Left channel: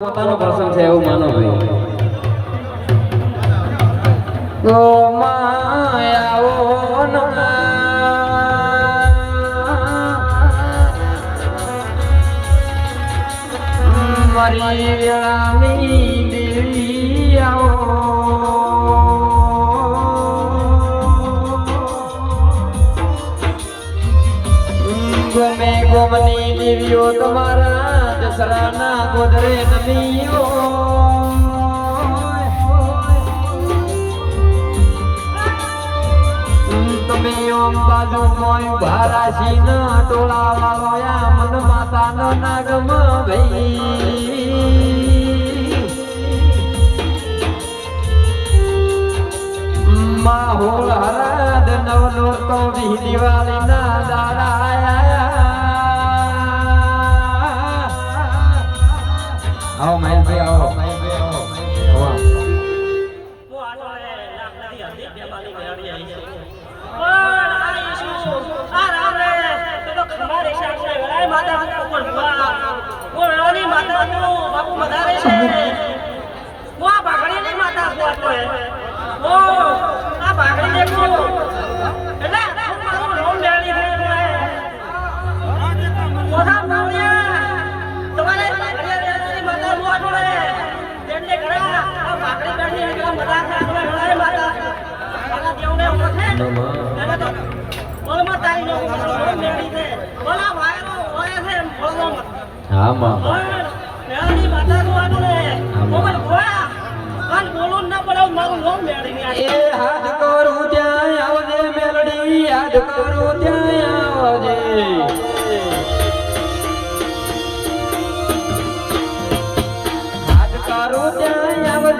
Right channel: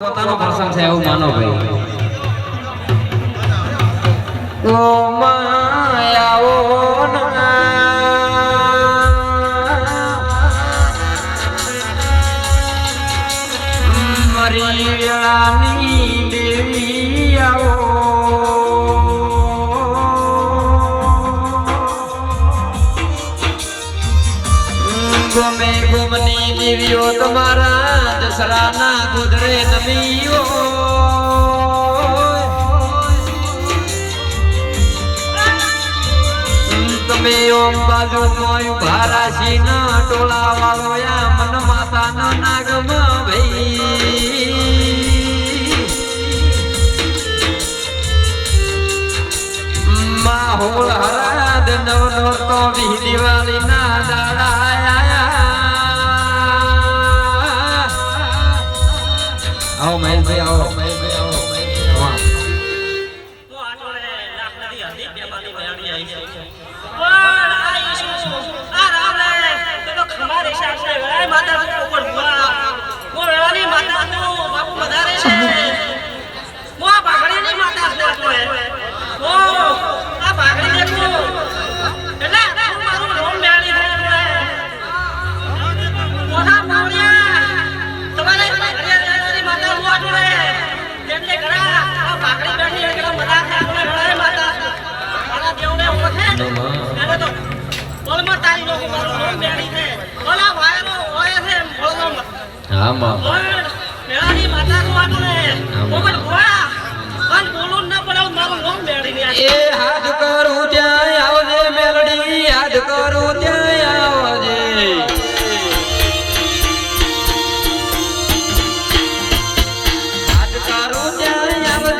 પોતાનો પ્રસંગ છે એવું માનો ભાઈ. દેવી આવો ગમે ગમની દેવીઓ તમારા દસરાના ગોદરે નમીઓ તમે ઓમ બાજુ કોઈ ભારાશી ન ટોલા વાળો યા મન માતા ન નાગમ ભાઈ. માહોલ હરાદ નવ નોરતો વી દિવાળી ખમારે શાસ્ત્રે વેળાએ માતા બાપુ વધારે છે. માતા માં. મેળાની માતા નું આપણે પણ બોલું ના પડાવ મારું નામ મેળી એ હાથ કરું ત્યાં આવજે મેલડી. યાદ કરું ત્યાં